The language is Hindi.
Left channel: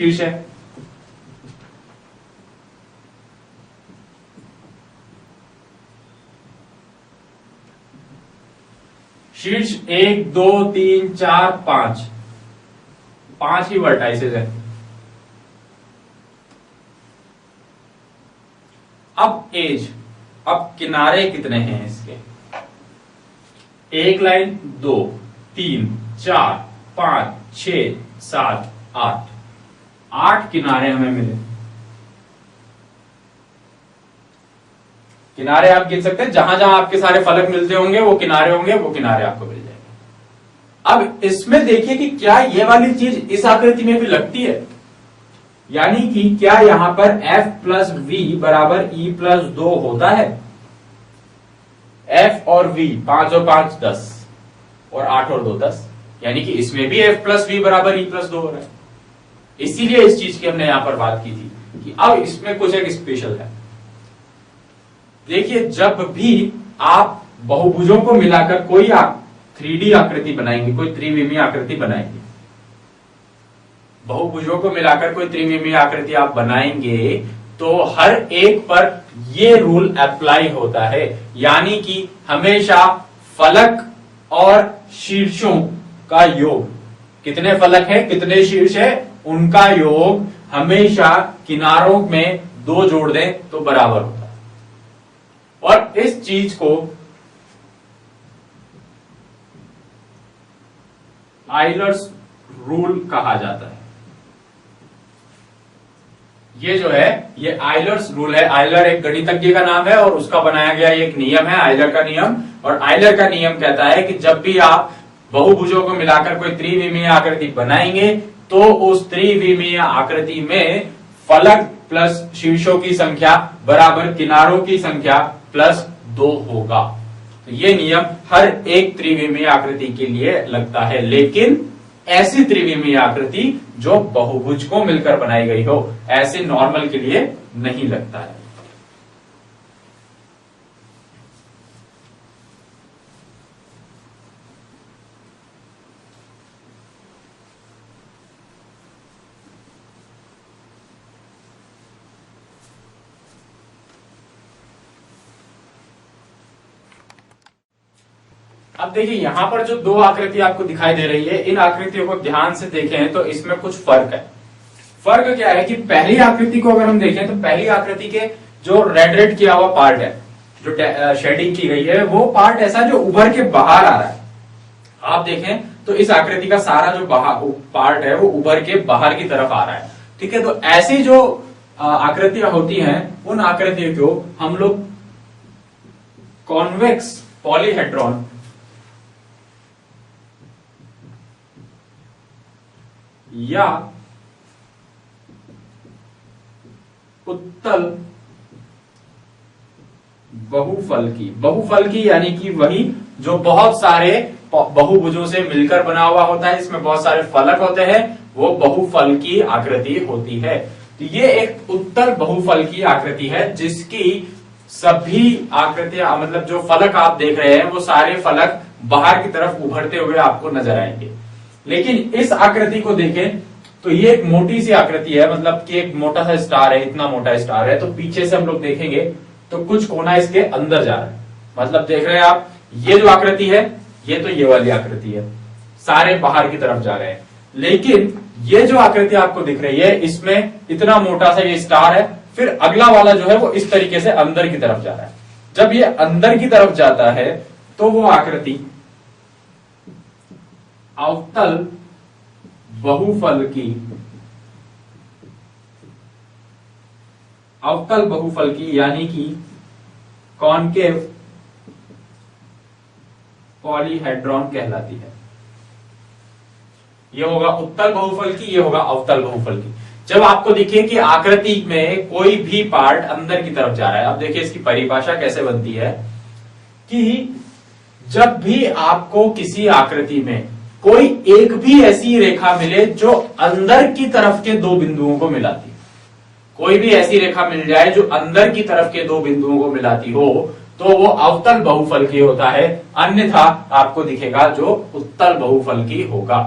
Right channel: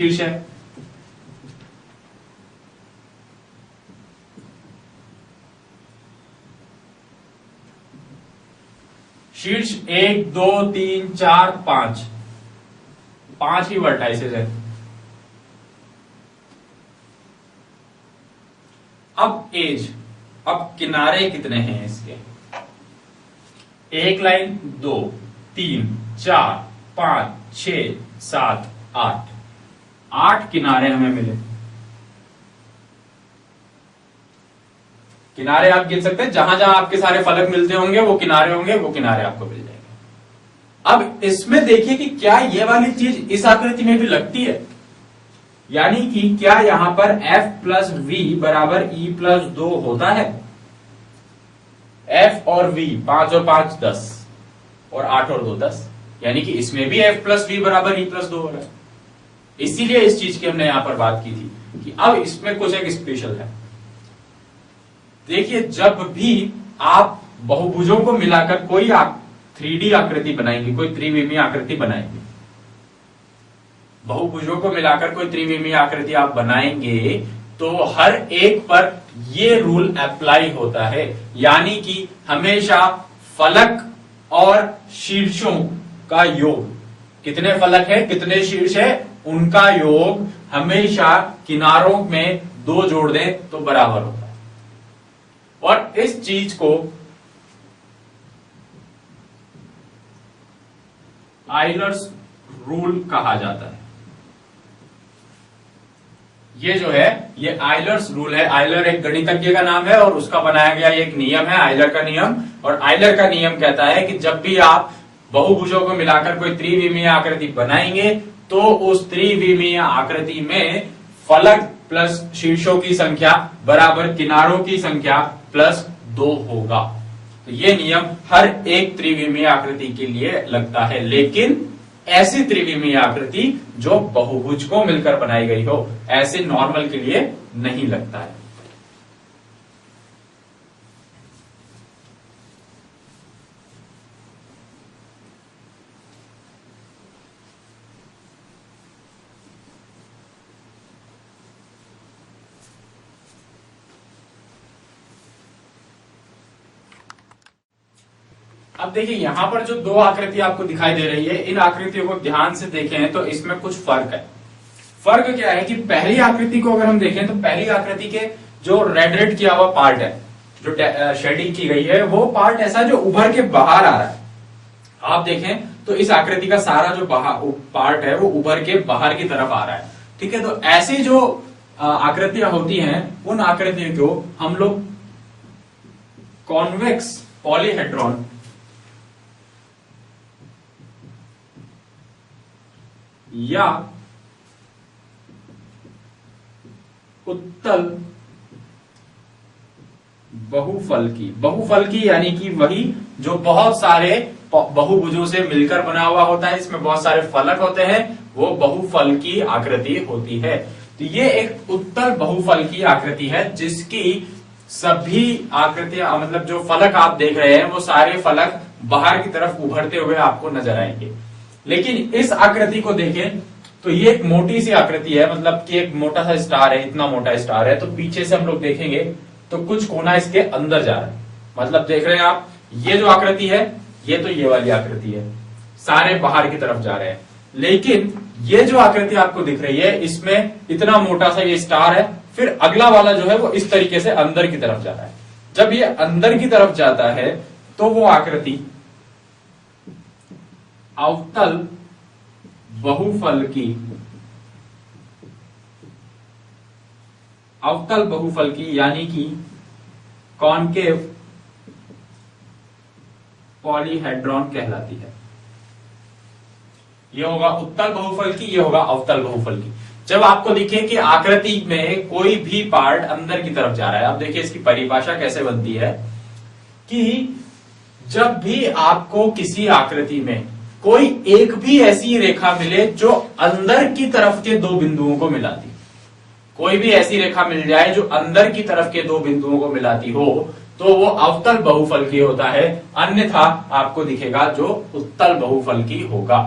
शीर्ष है। शीर्ष 1 2 3 4 5 5 ही वर्टाइसेस है। अब एज, अब किनारे कितने हैं इसके? एक लाइन, 2 3 4 5 6 7 8 8 किनारे हमें मिले। किनारे आप गिन सकते हैं, जहां जहां आपके सारे फलक मिलते होंगे वो किनारे होंगे, वो किनारे आपको मिल जाएंगे। अब इसमें देखिए कि क्या ये वाली चीज इस आकृति में भी लगती है, यानी कि क्या यहां पर F प्लस V बराबर E प्लस 2 होता है? F और V 5 और 5 10 और 8 और 2 10, यानी कि इसमें भी F प्लस V बराबर E प्लस 2 हो रहा है। इसीलिए इस चीज की हमने यहां पर बात की थी कि अब इसमें कुछ एक स्पेशल है। देखिए, जब भी आप बहुभुजों को मिलाकर कोई 3D आकृति बनाएंगे, कोई त्रिविमीय आकृति बनाएंगे, बहुभुजों को मिलाकर कोई त्रिविमीय आकृति आप बनाएंगे तो हर एक पर ये रूल अप्लाई होता है, यानी कि हमेशा फलक और शीर्षों का योग, कितने फलक है कितने शीर्ष है उनका योग हमेशा किनारों में 2 जोड़ दें तो बराबर होता है। और इस चीज को आइलर्स रूल कहा जाता है। ये जो है ये आइलर्स रूल है। आइलर एक गणितज्ञ का नाम है और उसका बनाया गया एक नियम है, आइलर का नियम। और आइलर का नियम कहता है कि जब भी आप बहुभुजों को मिलाकर कोई त्रिविमीय आकृति बनाएंगे तो उस त्रिविमीय आकृति में फलक प्लस शीर्षों की संख्या बराबर किनारों की संख्या प्लस 2 होगा। तो ये नियम हर एक त्रिविमीय आकृति के लिए लगता है, लेकिन ऐसी त्रिविमीय आकृति जो बहुभुज को मिलकर बनाई गई हो, ऐसे नॉर्मल के लिए नहीं लगता है। अब देखिए, यहां पर जो 2 आकृति आपको दिखाई दे रही है, इन आकृतियों को ध्यान से देखें तो इसमें कुछ फर्क है। फर्क क्या है कि पहली आकृति को अगर हम देखें तो पहली आकृति के जो रेड किया हुआ पार्ट है, जो शेडिंग की गई है, वो पार्ट ऐसा जो उभर के बाहर आ रहा है। आप देखें तो इस आकृति का सारा जो पार्ट है वो उभर के बाहर की तरफ आ रहा है। ठीक है, तो ऐसी जो आकृतियां होती हैं, उन आकृतियों को हम लोग कॉन्वेक्स पॉलीहेड्रॉन या उत्तल बहुफलकी यानी कि वही जो बहुत सारे बहुभुजों से मिलकर बना हुआ होता है, इसमें बहुत सारे फलक होते हैं, वो बहुफलकी आकृति होती है। तो ये एक उत्तल बहुफलकी आकृति है जिसकी सभी आकृतियां, मतलब जो फलक आप देख रहे हैं वो सारे फलक बाहर की तरफ उभरते हुए आपको नजर आएंगे। लेकिन इस आकृति को देखें तो ये एक मोटी सी आकृति है, मतलब कि एक मोटा सा स्टार है, इतना मोटा स्टार है। तो पीछे से हम लोग देखेंगे तो कुछ कोना इसके अंदर जा रहा है, मतलब देख रहे हैं आप, ये जो आकृति है ये तो ये वाली आकृति है, सारे बाहर की तरफ जा रहे हैं। लेकिन ये जो आकृति आपको दिख रही है, इसमें इतना मोटा सा ये स्टार है, फिर अगला वाला जो है वो इस तरीके से अंदर की तरफ जा रहा है। जब ये अंदर की तरफ जाता है तो वो आकृति अवतल बहुफलकी यानी कि कॉनकेव पॉलीहेड्रॉन कहलाती है। ये होगा उत्तल बहुफलकी, ये होगा अवतल बहुफलकी। जब आपको दिखे कि आकृति में कोई भी पार्ट अंदर की तरफ जा रहा है, अब देखिए इसकी परिभाषा कैसे बनती है कि जब भी आपको किसी आकृति में कोई एक भी ऐसी रेखा मिले जो अंदर की तरफ के 2 बिंदुओं को मिलाती, कोई भी ऐसी रेखा मिल जाए जो अंदर की तरफ के 2 बिंदुओं को मिलाती हो, तो वो अवतल बहुफलकी होता है। अन्यथा आपको दिखेगा जो उत्तल बहुफलकी होगा।